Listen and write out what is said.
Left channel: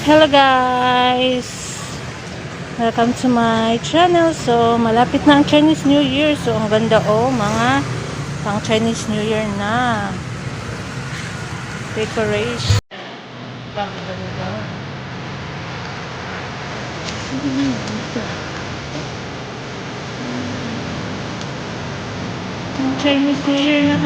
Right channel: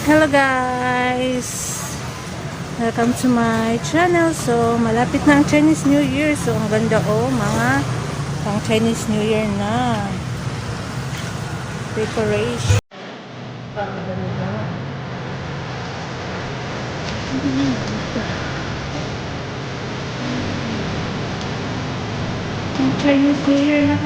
Hello guys! Welcome to my channel. So, malapit na ang Chinese New Year. So, ang ganda mga pang Chinese New Year na decoration. Ang Chinese New Year na